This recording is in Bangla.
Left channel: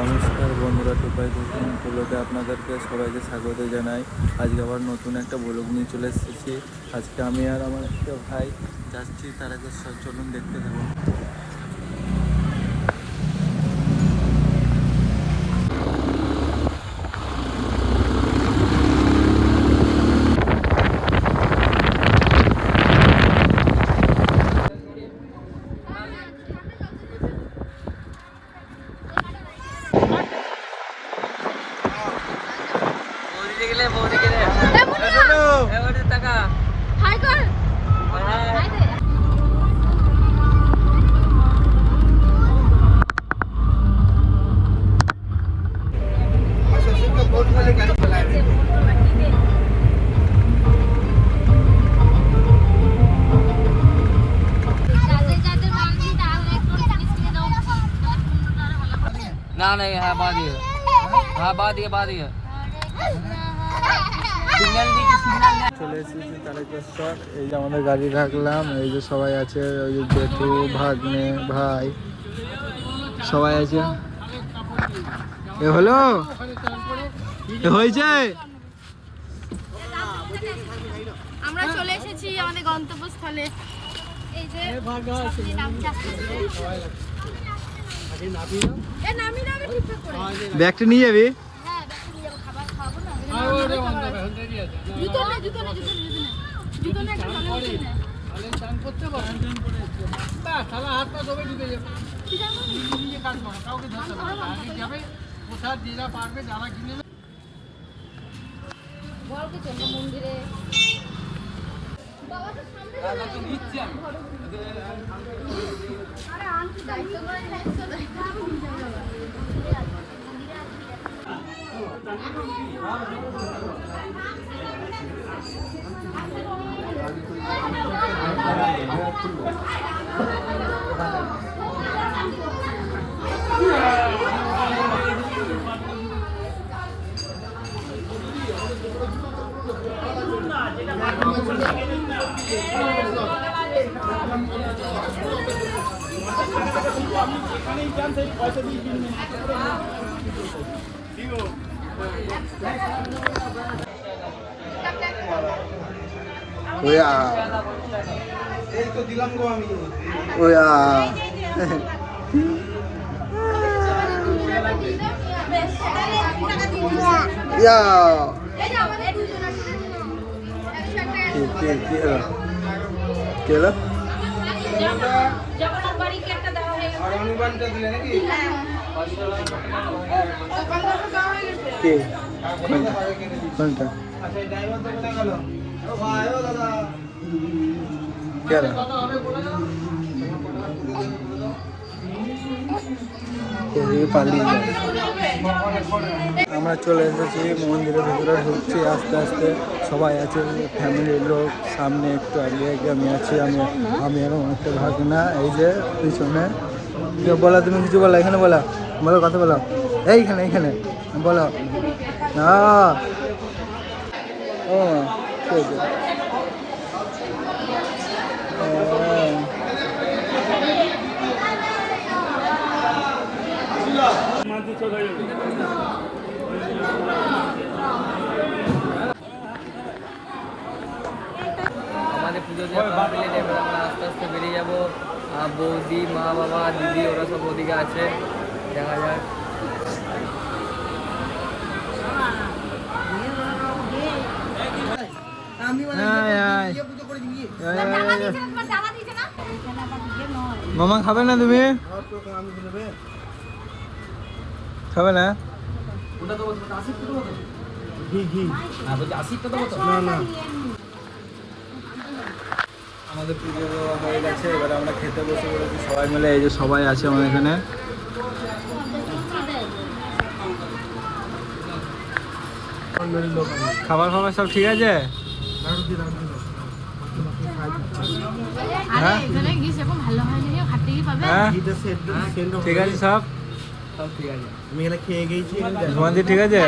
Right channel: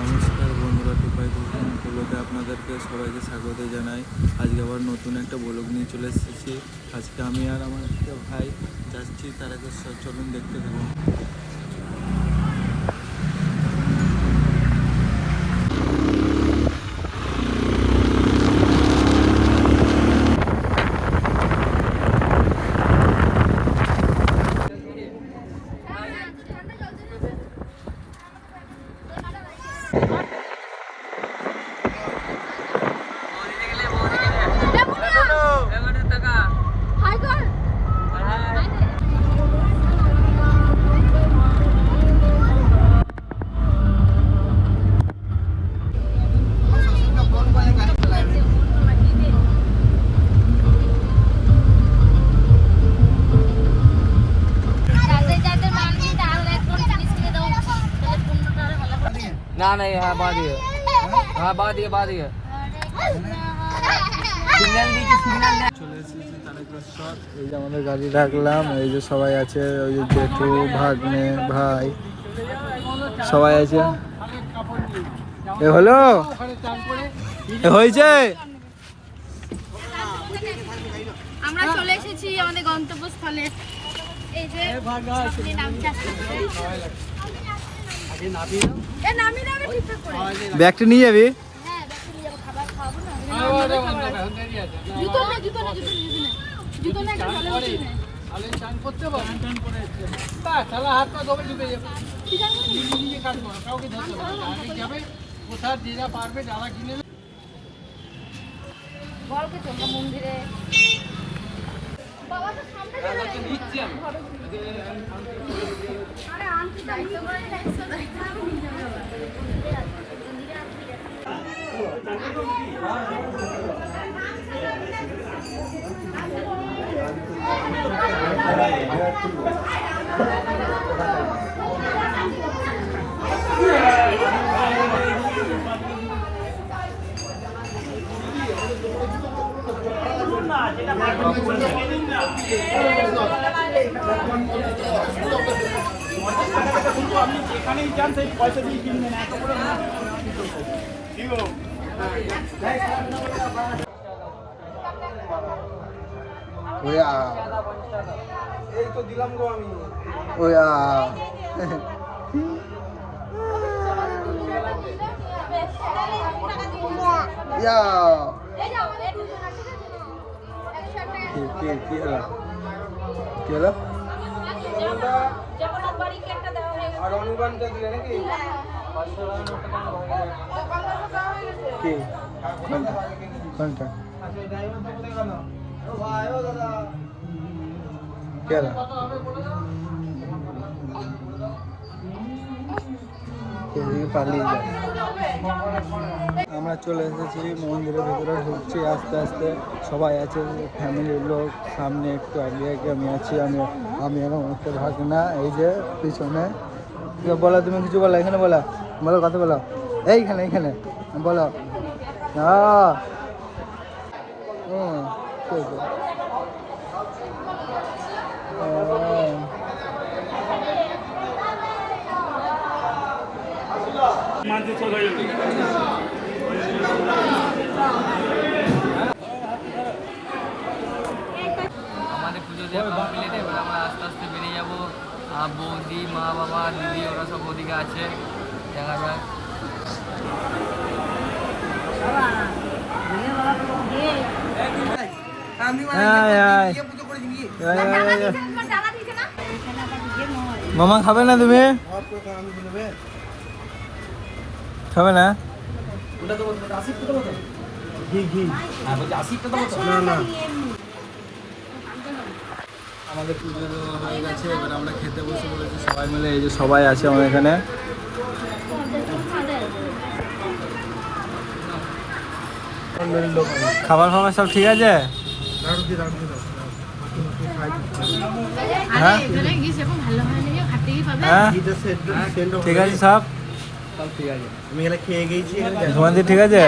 নমস্কার বন্ধুরা, টুপাই কুকিং ব্লগে আপনাদেরকে সবাইকে স্বাগত জানাই। আজকে আবার নতুন একটা ব্লগ নিয়ে চলে এসেছি। আজকে আমি আর আমার একটা ভাই যাচ্ছি, তার আগে চলুন দেখতে থাকুন। না না হ্যাঁ বাদ দিয়ে হ্যাঁ বাদ দিয়ে বাদ দিয়ে দিয়েছি চলে এসেছি তারকেশ্বর। এই যে আমাদের গাড়ি রাখলাম এই যে সবাই আছে ওই যে জেঠু ভাগ্নে ভাই। সবাই আছে? এ হলো? এ হয়েছে? আমরা চলে এসেছি আমাদের গন্তব্যস্থলে। এই যে নামছে আস্তে আস্তে। এ নামি নামি ঠিকঠাক করে। ব্যাগটা নিয়ে যাবি? কোথায় নিয়ে যাব, খাবার খাওয়াবো না। জুতো নে, জুতো নে, জুতো নে, জুতো নে। জুতো নে, একটা ভালো জুতো নে। ঠিক আছে? বলকে চলো মন্দিরে। বাবা তো সামনে আরে আনতে যাই, তোমার ওয়া ওয়া ইয়া এই যে আমাদের দুজন আছে একশো একটা কে কে কে এলো? কে এলো? যেমন বাড়ি কি একটা দেখা হয়ে কে কোনটা কে এলো? এদিকে পালিয়ে যায়। আমরা চলে এসেছি মন্দিরের ভেতরে, ঢুকছি আস্তে আস্তে সবাই আছে, ফ্যামিলির লোক, সামনে একটু এগিয়ে আমি আছি, আমি আমি এখন অনেকটা ভাগ না, এই যে পিছনে বলো, তুমি কিছু বলো, এখানে বলো বলো, কথা বলো এইখানে এইখানে, বলো আহ। ও ঠিক আছে। আহ। আমাদের পুজো দিয়ে কমপ্লিট এবার আমরা আস্তে আস্তে বেরিয়ে যাব আর বৌদি মা বাবা দিদি ওরা সব ওদিকে আছে। দেখা যাক। দিয়েছে না মামা খাবে না তুমি? খাবে না? না না। আমাদের পুজো দেওয়া হয়ে গেছে এবার আমরা খেতে বসে পড়েছি সবাই মিলে এই যে সবাই আছে আমার এখানে। খাবার ফাবার সব ঠিক আছে? হ্যাঁ? হ্যাঁ? ঠিক আছে সব? সব ঠিক আছে তোমাদের ঠিক আছে?